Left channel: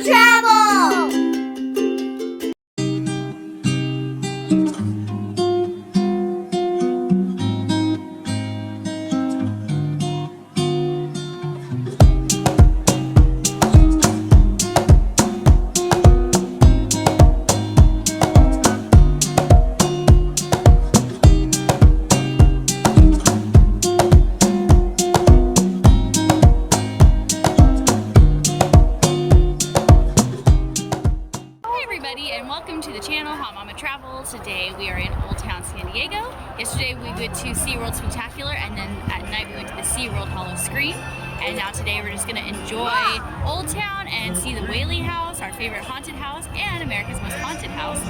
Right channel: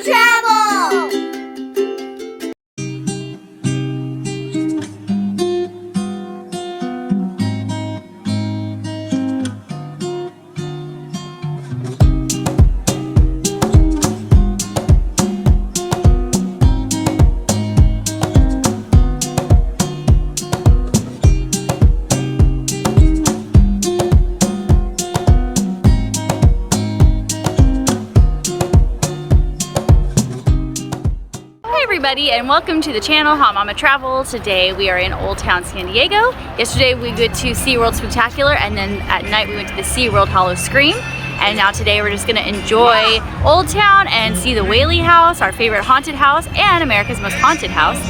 HotMamaTravel! And welcome to the channel, Hot Mama Travel. Today we are in Old Town San Diego. Yesterday we went to SeaWorld Spectacular, and then at night we went to the SeaWorld Hollow Scream. And now today we're just gonna enjoy Old Town and see the Whaley house, our favorite haunted house and America's most haunted house.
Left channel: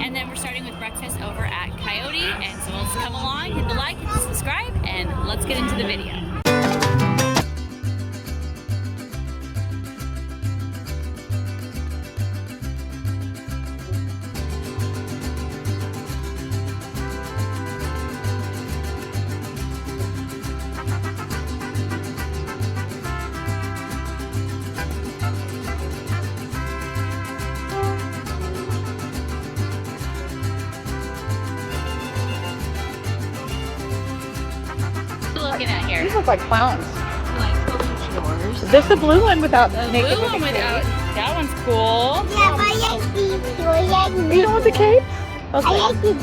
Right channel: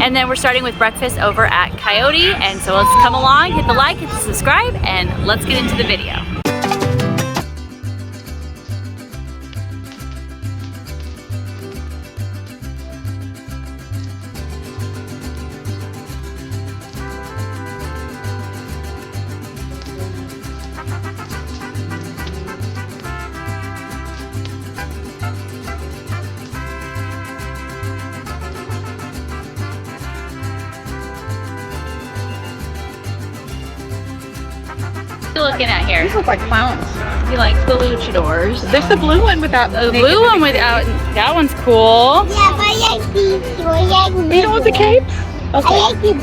And then we're starting with breakfast over at Coyote. And so let's come along, hit the like, hit the subscribe, and let's get into the video. Looking at here. These look like clowns. You like the luchadors? There's the blue one without the blue one without. That one's cool. Yeah, but I like these two. I like these. You know what the cape? I like these.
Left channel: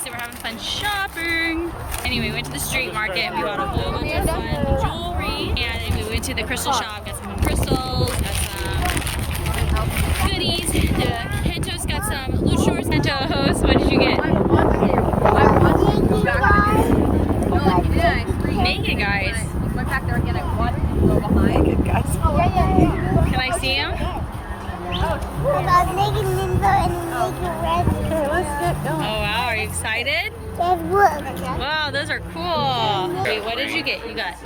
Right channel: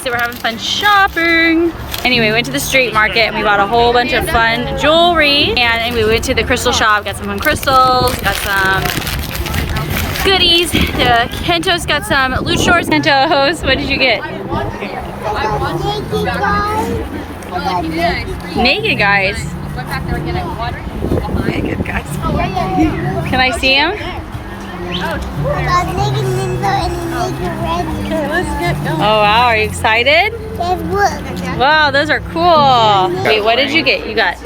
So we're having fun shopping. Anyway, we went to the street market and we bought a whole bunch of fun jewelry. And we went to the crystal shop, got some fun crystals, got some goodies. Kento's got some luchadors. Kento's, what did you get? Naked guys. Naked guys. Can I see him? Oh wow, are you excited? Wow, those are cool. Wait, what did you get? You got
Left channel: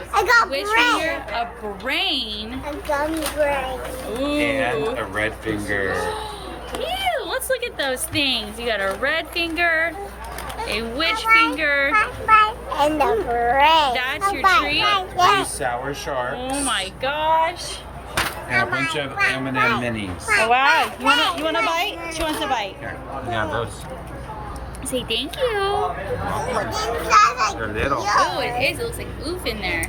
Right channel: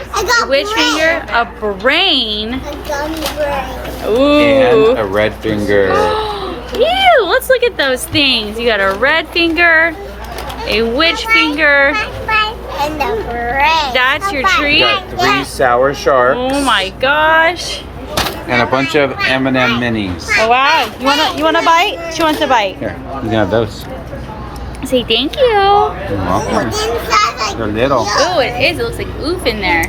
which finger? A brain. A gummy brain. Ooh. And a red finger. Ew, let's look at those things. You got a red finger, a witch finger. And a brain. That's your treat? Got 3 sour sharks. Oh my gosh. And a bunch of M&M minis. Oh wow. You wanna bite? She wants a bite. Here, you can have those. Say thank you. You're welcome. They're little. Oh, it is. It looks like oof in there.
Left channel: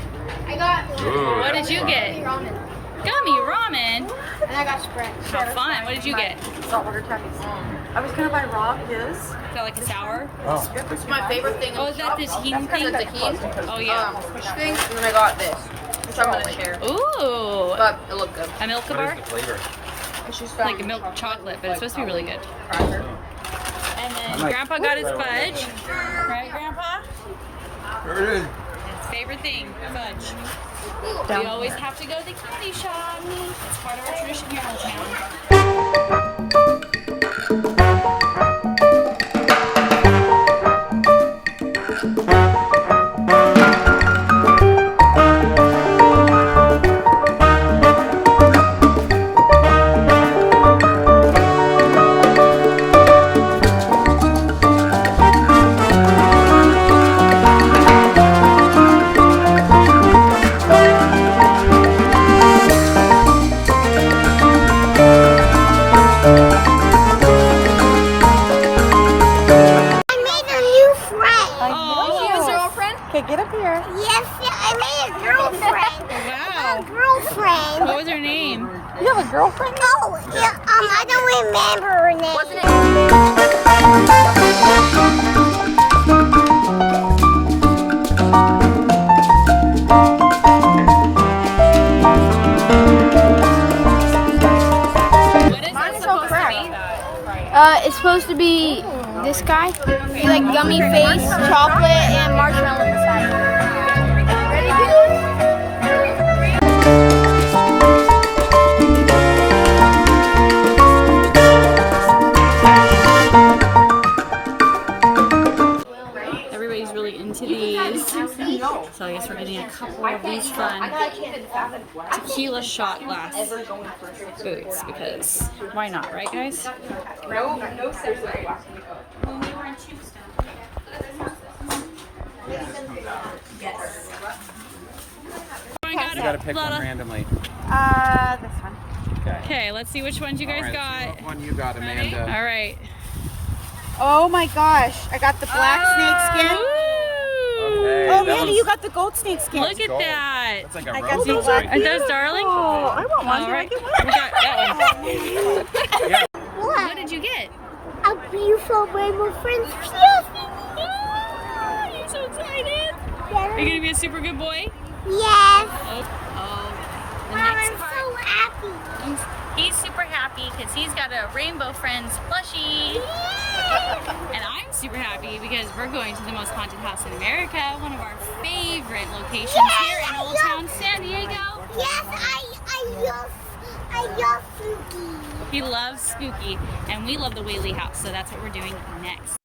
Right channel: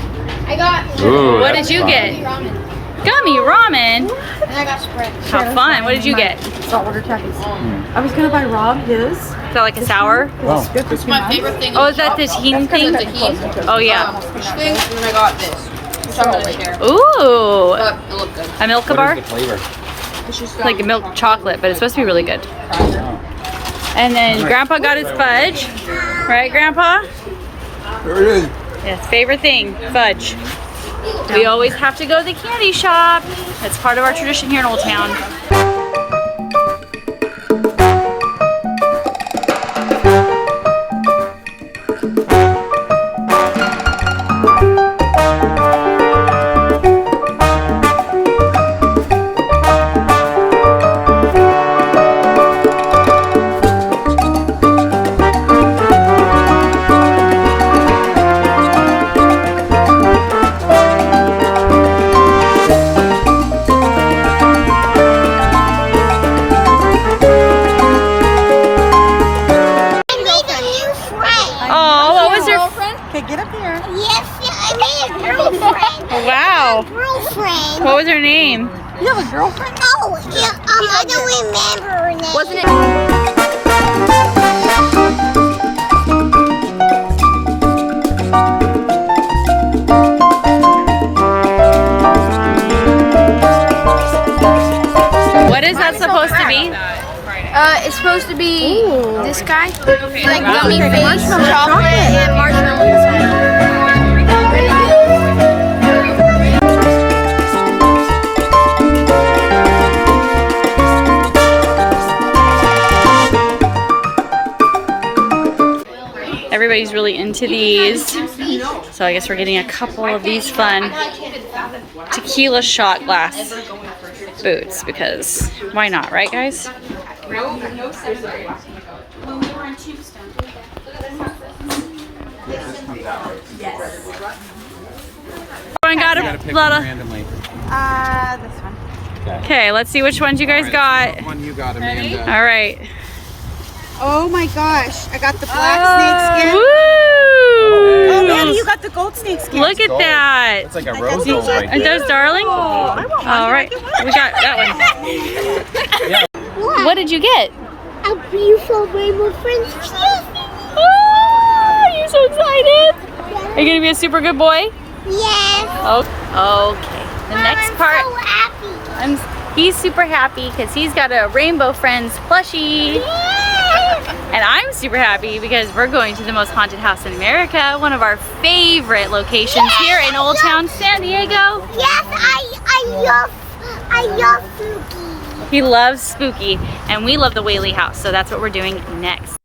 I got Ooh, What did you get? ramen. Gummy ramen. And I got Sprite. How fun. What did you get? Saltwater Cafes. I was gonna buy Rob his. Is that like a sour? Wow. It's my favorite thing. Oh, is that the tahini thing? The tahini. Oh yeah. Fish thing, and then I got this, which I'm gonna share. Ooh. But it looked good. A milk What bar? is the flavor? It's just Like a milk chocolate, but it's supposed to be really good. Oh. And then Grandpa got his fudge. Right, Grandpa? There it is. Yes, favorite thing, fudge. We always have to go to the candy shop. That's part of our tradition here in Old Town. Okay, get up here. Yes, I made a girlfriend. Oh, wow. A girlfriend. What was her name? You have a girlfriend? Oh, yeah, I don't remember her name. Wasn't it? What is that supposed to be? It's supposed to be this guy. Like gummy face, chocolate, and marshmallows. Everybody's really into these. So I guess we're getting a couple of these fun tequila shot glass boots because why not, right guys? I got a lot of. This one. Okay, let's see which ones you guys got. What one you got, Amanda? All right. Oh my gosh, I got the black snake skin. Woo! Oh man, you got the gold snake skin. Look at that. That's like a rose gold right Aren't there. those darling? All right, we got that one. Yeah. What did you get? A beautiful rainbow friends. Oh, you're so excited. Are you gonna be a super good boy? Yes. Oh, okay. The next part. I'm so happy. He's super happy because he's got a Rainbow Friends plushie. Yes. And I'm super happy because we're going to the most haunted house in America, one of our favorite locations here in Old Town San Diego. Yes, I love spooky. He loves spooky, and we love the Whaley house, so that's what we're doing next.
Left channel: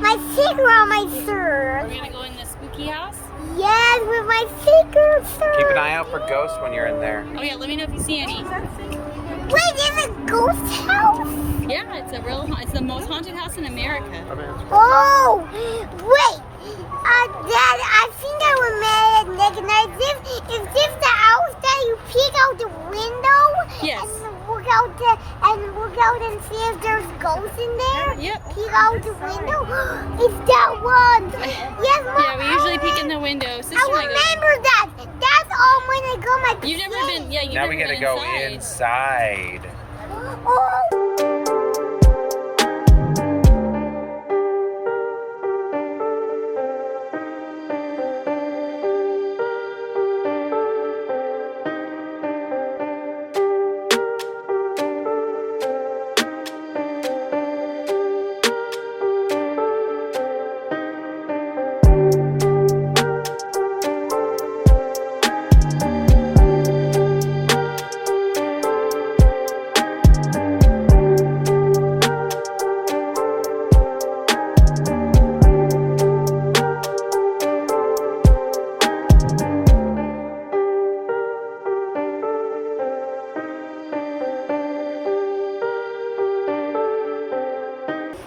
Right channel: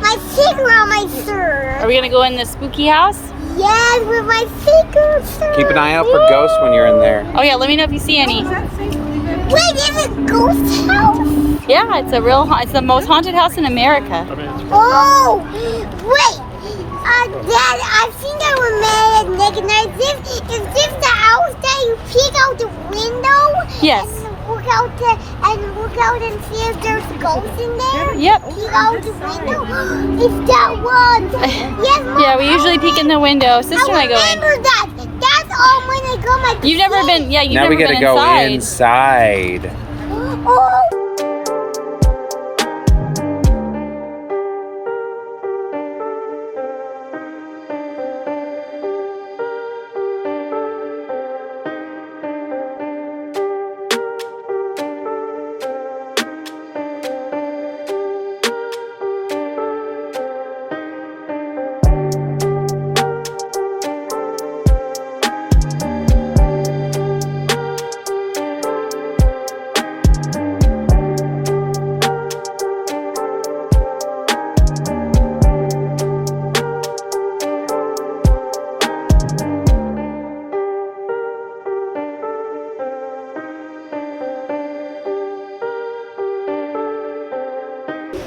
My secret on my shirt. Are we gonna go in the spooky house? Yes, with my secret shirt. Keep an eye out for ghosts when you're in there. Oh yeah, let me know if you see any. Wait, is it ghost house? Yeah, it's it's the most haunted house in America. Oh, wait. Dad, I think I remember Is this the house that you peek out the window? Yes. And look out and see if there's ghosts in there? Yep. Peek out the window? It's that one. Yes, Mom. Yeah, we usually peek in the window. Sister and I go in. remember that. That's all when I go my You've never been, yeah, you've Now never we gotta been go inside. inside. Oh.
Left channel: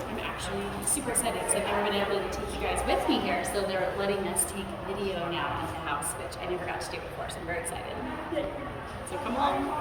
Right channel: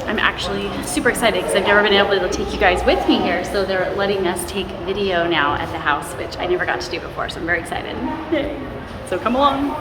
I'm actually super excited because I've never been able to take you guys with me here, so they're letting us take video now at the house, which I never got to do before, so I'm very excited. So come along.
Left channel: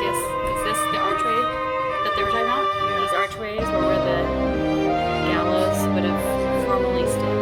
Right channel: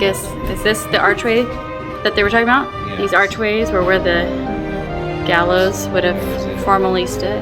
guess, is this the archway that they were talking about? Yeah. These archways were where the gallows would have formerly stood.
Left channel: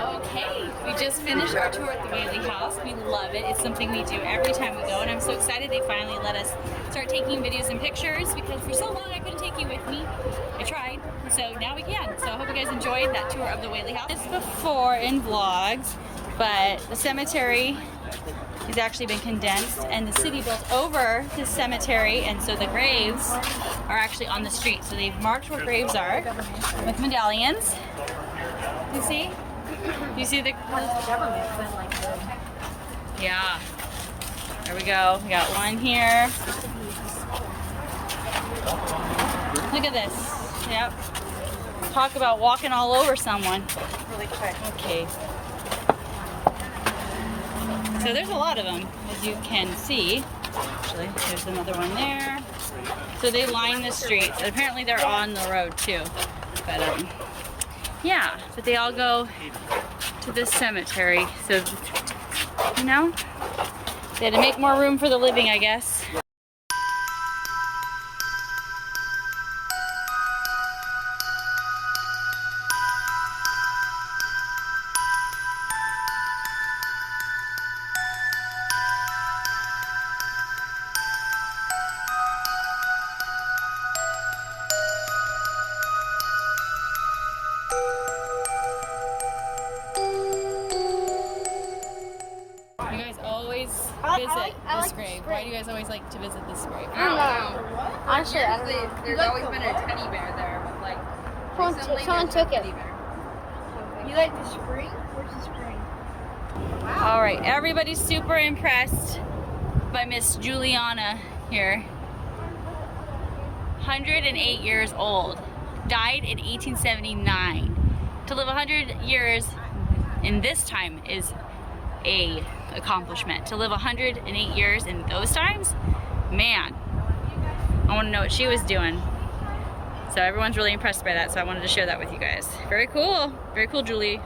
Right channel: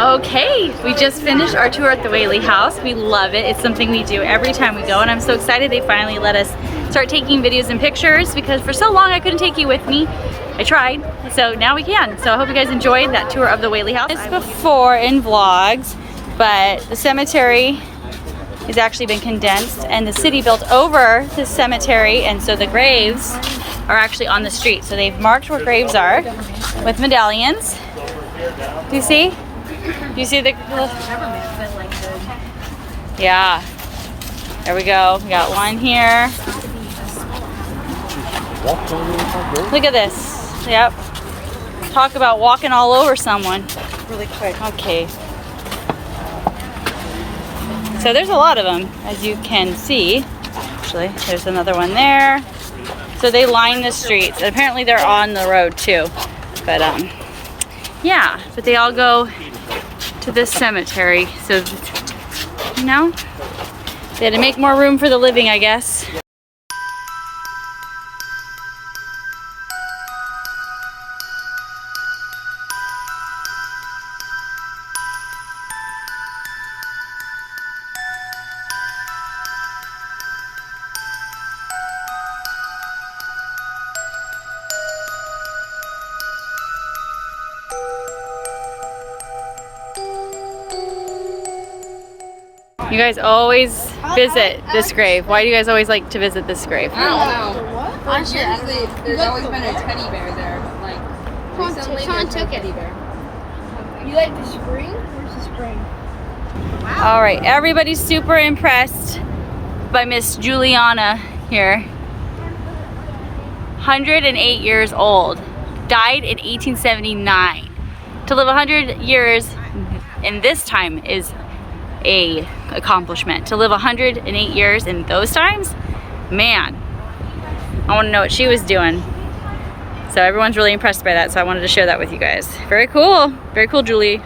Okay, we just finished our tour at the Whaley house. We love it. It's something we do every time we go, and I'm so excited they finally let us start taking videos and pictures, because for so long I couldn't take you with me. I tried, so now we can. So I hope you guys enjoyed that tour of the Whaley house. It's before in vlogs, but the cemetery has actually been condensed, and the city built over the cemetery, and so the graves are actually on the street. So they've marked where graves are with medallions. Do you see? Do you see the... Yeah. There we go. We got one here. Look at this. Yep. Talk about walking all over someone. Really quick. Okay. So there's a lot of them, as you can see. Actually, there's another one there. So they line the streets. Apparently they're on the road too. But yeah, but they all go to this cemetery. So, you know, they had to make more room for the living, I guess. You guys always visit this grave. Why do you guys always like to visit this grave? I don't know. Usually, there's always been a teddy bear there, but like recently there's no teddy bear. You like the spring? Where's the spring? All right, everybody's super impressed by Miss Juliana here. 108 years old, died in 1879. To live 100 years in this time is a accomplishment. To live 108 years in those times, man, I want to know what she was doing. So everyone's really impressed by that, so I wanted to share that with you guys. Very cool, Julie.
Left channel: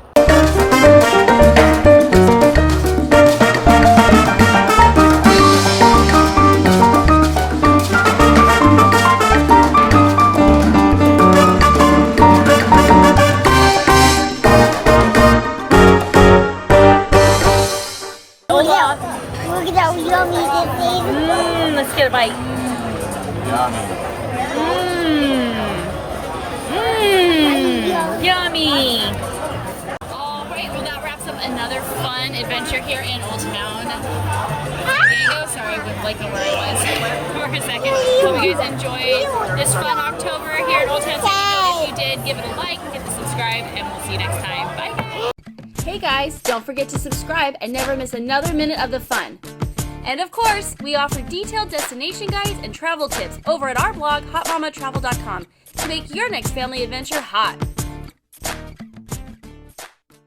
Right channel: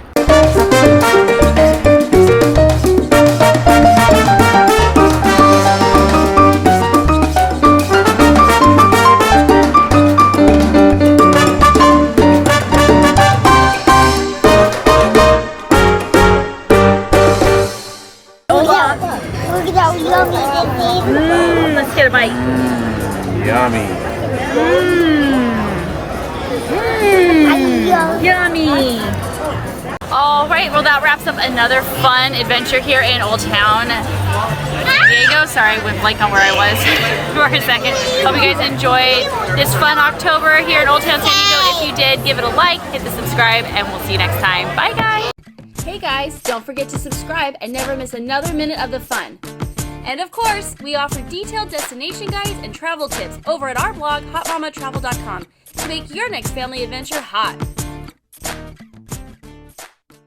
Let's get a bite. Yummy. Yummy. All right, well that wraps up another fun adventure here in Old Town San Diego. Sorry, I went blank on where I was for a second. Hope you guys enjoyed this fun October here in Old Town San Diego. If you did, give it a like, hit the subscribe, and we'll see you next time. Bye guys. Hey guys, don't forget to subscribe and never miss another minute of the fun. And of course, we offer detailed destination guides and travel tips over at our blog, HotMamaTravel.com, to make your next family adventure hot.